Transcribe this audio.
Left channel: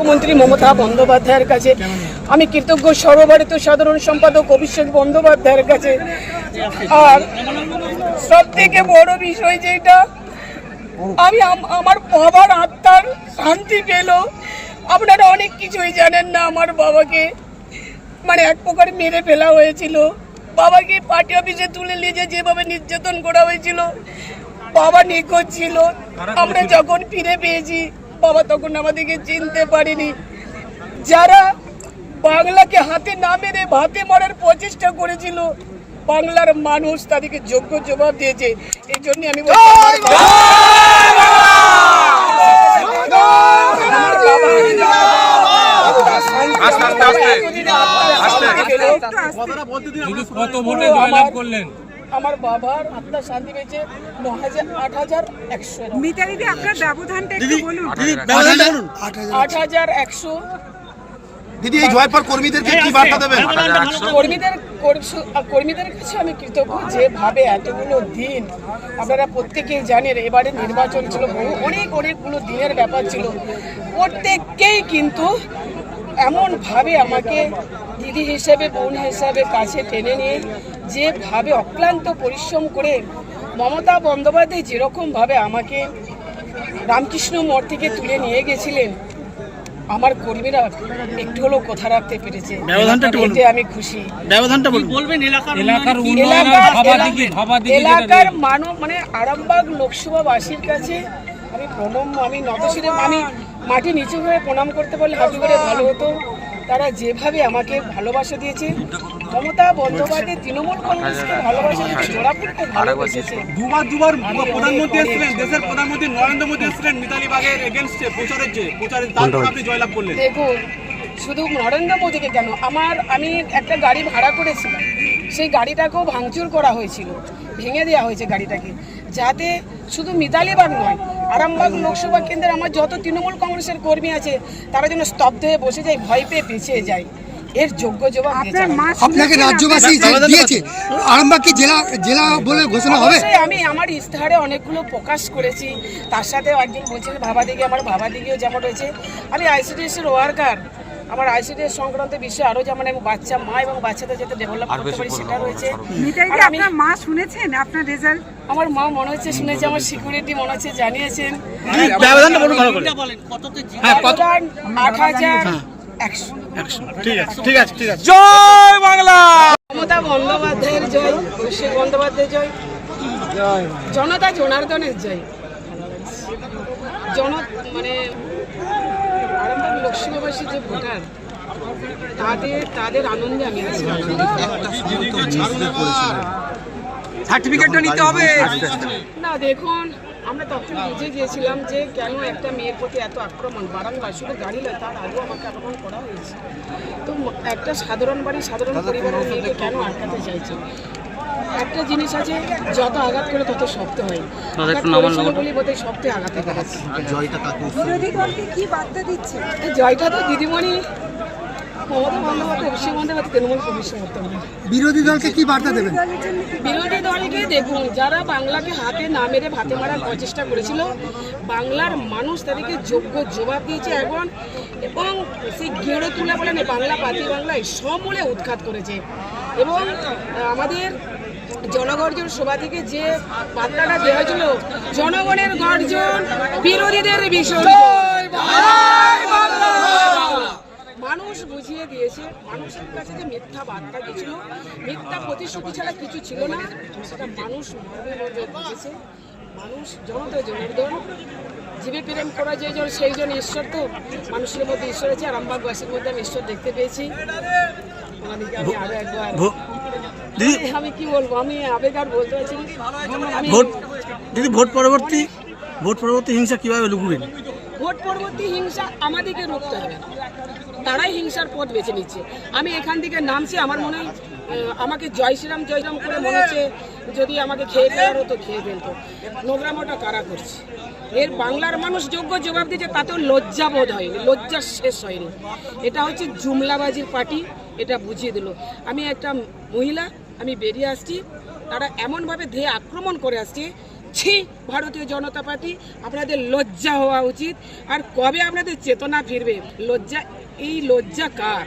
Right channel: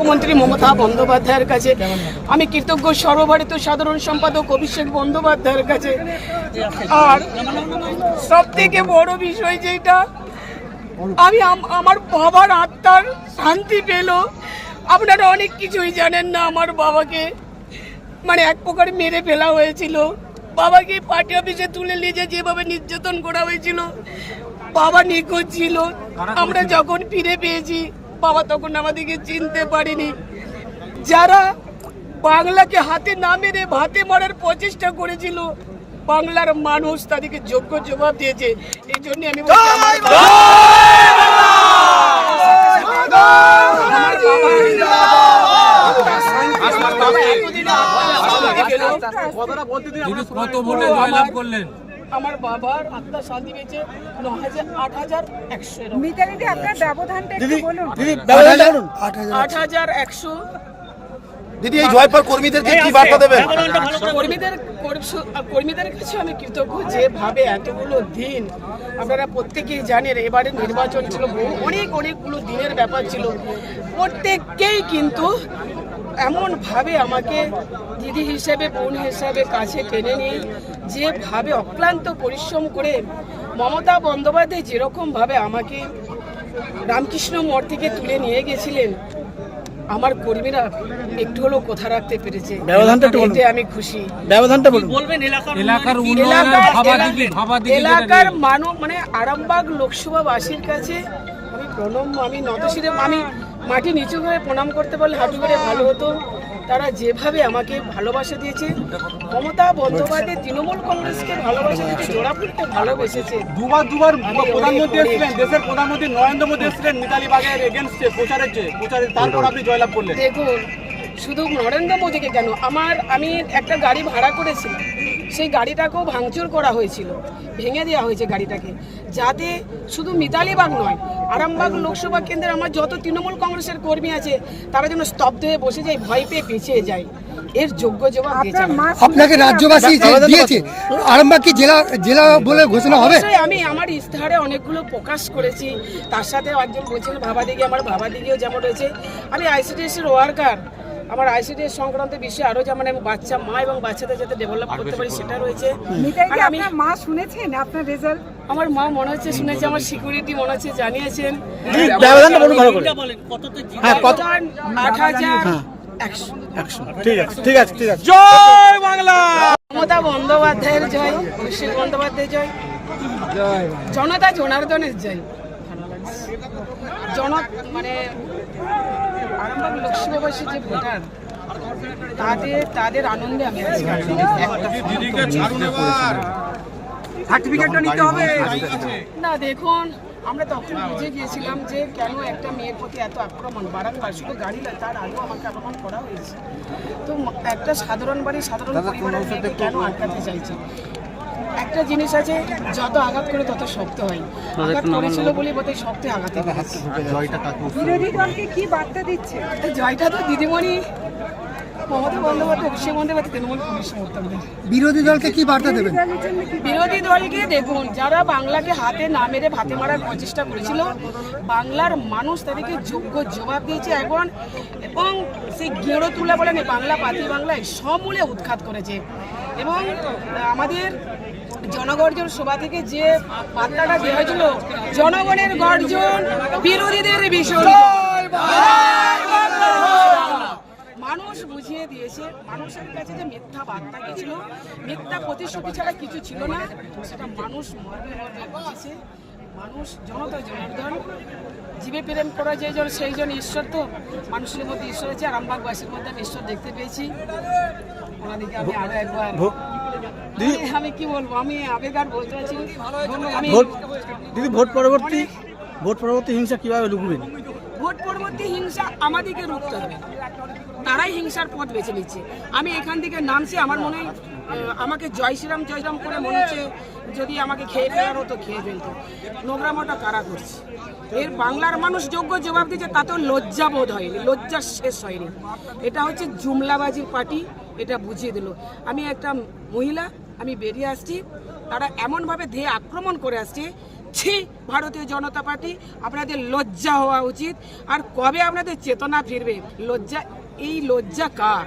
মুখ্যমন্ত্রী মমতা বন্দ্যোপাধ্যায়ের কাছে। আমি কৃতজ্ঞ সর্বভারতীয় সাধারণ সম্পাদক অভিষেক বন্দ্যোপাধ্যায়ের কাছে। আর সব থেকে বড় বিষয় যেটা, আমি আমার বাবার আত্মার শান্তি পেল। আপনারা অনেক কিছুই জানেন না আমার বাবাকে। মানে এক প্রকার মেরে ফেলা হয়েছিল। বাবাকে পার্টি অফিসে তুলে নিয়ে যেভাবে নির্যাতন করা হয়েছিল, বাবা নিখোঁজ ছিল। আমরা যখন ফিরে পেয়েছি বাবা তখন আমাদেরকে চিনতে পারিনি। যারা বাংলাকে হাতে না মেরে ভাতে মারার প্রচেষ্টা করেছিল বাংলার মানুষ তাদেরকে যোগ্য জবাব দিয়েছে। এই জন্য আমি কত ভোটে জয়লাভ করলেন। আমার বাবার আত্মা শান্তি পেয়েছে ন হাজার আট হাজার একশো। মিতালিদি আপনার ব্যবধানটা একটু বলুন। আট হাজার। একশো। দিদি এই জয়পর কর্মীদেরকে কি বার্তা দেবেন? কর্মীদের কর্ম- কর্মীদের কাছে আমি কৃতজ্ঞ যেভাবে এতগুলো দিন আপনারা প্রত্যেকেই জানেন এবারে নির্বাচন ছিল বহু অনেক অনেকগুলো দিনের ব্যাপার ছিল। প্রত্যেককেই কিন্তু এমনভাবে আমাকে দিদি হিসেবে বোন হিসাবে কাছে টেনে নিয়ে যেভাবে অক্লান্ত পরিশ্রম করে মমতা বন্দ্যোপাধ্যায় যেরকমভাবে আমাকে রামকৃষ্ণ মঠ থেকে তুলে নিয়ে গেছিলেন আমার কর্মীরা একটু হলেও কথা রাখতে পেরেছে। এতে আমি খুশি ব্যবধানটা বলুন এলাকার এলাকার। মানব মানে আরামবাগ লোকসভাবাসীর কাছে আমি প্রণম আমি নতশিরে আমি মাটি নিচু করে প্রণাম করতে পারলে হাঁটু করে ভালো হতো। তারা যেভাবে আমাকে ভালোবাসা দিয়েছে মমতা বন্দ্যোপাধ্যায় তৃণমূল কংগ্রেসকে ভালোবাসা দিয়েছে জোড়া ফুটতে ভালোবেসেছে। দুবার দুবার প্রধানমন্ত্রী এসেছিলেন দেশের প্রধানমন্ত্রী নরেন্দ্র মোদী এসেছিলেন মিতালি বাগের এগেনস্টে প্রচারের চেয়ে প্রচারের তারপর আপনি জয়লাভ করলেন। দেখুন শুধু নরেন্দ্র মোদীকে কেন আমার আমি একটা গাড়ি ভাড়া করেছিলাম। সেই গাড়িটাকেও ভাঙচুর করা হয়েছিল ভেঙে দেওয়া হয়েছে গাড়িটাকে যাতে শুধু মিতালিবাগ নয় আরামবাগ লোকসভা কেন্দ্রের আমার যত তৃণমূল কংগ্রেসের কর্মী আছে তারা যেন স্তব্ধ হয়ে বসে যায় ভয় পেয়ে পিছিয়ে যায়। এর যোগ্য জবাব। আপনাকে রাজ্যবাসী দিয়েছে আরামবাগ কি জেলা জেলা বলে ঘোষণা হবে? আমি আমার ইস্তাহারে অনেকগুলো প্রকাশ করেছি তার সাথে একজন বলছিল ভাবা দিকে আমার ভাবা দিকেও যেমন রয়েছে। আমি আইসিডিএস এর ওয়ার্কার আমার আইসিডিএস সংক্রান্ত বিষয়ে আরও যেমন আমি বাচ্চা মা এবং বাচ্চাদের যাতে ডেভেলপ করতে পারি সেটা রয়েছে। আর আপনার মা শুনেছেন আপনার রেজাল্ট আমার মা মনে হচ্ছে শুনেছে আমার সিকিউরিটি মনে হচ্ছে জানিয়েছেন। হ্যাঁ আট হাজার একশো। ঠিক আছে ঠিক আছে ঠিক আছে। জয় বাংলা! মমতা বন্দ্যোপাধ্যায়ের জয় অভিষেক বন্দ্যোপাধ্যায়ের জয়। জনতা জনার্দনের জয়। জন মানে আরামবাগ লোকসভাবাসী যে ভোটার তাদের তাদের আনন্দে আমি সার্টিফিকেটটা নিতে হবে। না, দেখুন, আমরা তখন বুঝে গিয়েছিলাম যে কেন একটা মেয়ের প্রতি এত আক্রমণ। বারাংবার শুধু গাড়ি নয়, তার আগেও আমাকে আক্রমণ করা হয়েছে। তো একটা সাধারণ বাড়ি সাধারণ পরিবারের মেয়েকে কেন আটকাতে চাইছে? একটা জিনিস আছে যত আঘাত করে তত শক্ত হয়। বোধহয় শক্তি আঘাতে এই জয়টা তো দিদিমণি মমতা বন্দ্যোপাধ্যায় অভিষেক বন্দ্যোপাধ্যায় তৃণমূল কংগ্রেস সমর্থন। বিরোধী দলকে কি বার্তা দেবেন? বিরোধী দলকে দেখুন যারা বাংলাকে হাতে না মেরে ভাতে মারার প্রচেষ্টা করেছিল বাংলার মানুষ তাদেরকে যোগ্য জবাব দিয়েছে এখন এবং সেই গেড়ো তুলা বলে না বাংলা পাতি বাংলায় সমূলে উৎখাত করেছে। এবং আমাদের জনগর্জন সভা থেকে যে বার্তাটা দেওয়া হয়েছিল জনগণের গর্জন বিরোধীদের ভীষণ। মানুষ বুঝিয়ে দিয়েছে মানুষের কাছে যে মিথ্যা বার্তা গেছিল মিথ্যা প্রতিশ্রুতি ছাড়া কিছু ছিল না সেটা মানুষ মর্মে মর্মে বুঝেছে। মানুষ জনতা জনার্দন জীবে প্রেম করা যে জন সেই জন ঈশ্বর তো মানুষের মধ্যে ঈশ্বর আছে আর আমবাগবাসীর মধ্যে আমি ঈশ্বর দেখতে পেয়েছি। আমি আরও দিদি। আমি- আমি কি বলব? আমি আবেগ আর বলতে পারছি আমি ভোট। দিদি ভোট পরবর্তী ভোট পরবর্তী হিংসা কীভাবে লুকবেন? ভোট পরবর্তী হিংসা আমাদেরকে রুখতে হবে। তারাই হিংসার পথ বেছে নিচ্ছে। আমি এখান থেকে নামছি আমার মনে হয় আমাকে জয় শ্রীরাম, জয় রাম করে মনে হচ্ছে যদি আমাকে খেয়ে ফেলার হতো খেয়ে ফেলতো। নোংরামোটা কারা করছে? এর বাংলার মানুষ যোগ্য জবাব দিচ্ছে তাতেও লজ্জা বোধ হয়নি, লজ্জা শেষ হয়নি। এটা হচ্ছে জুমলাবাজির পার্টি, এটা বুঝিয়ে দিল। আমি একটা মহিলা, আমি বেরিয়ে আসছি, তারা এমনভাবে ধেয়ে আক্রমণ করে আসছে, ছি, ভারতীয় জনতা পার্টি, আপনাদের লজ্জা হওয়া উচিত। আর কবে আপনাদের চেতনা ফিরবে? লজ্জা, এই লজ্জা কার?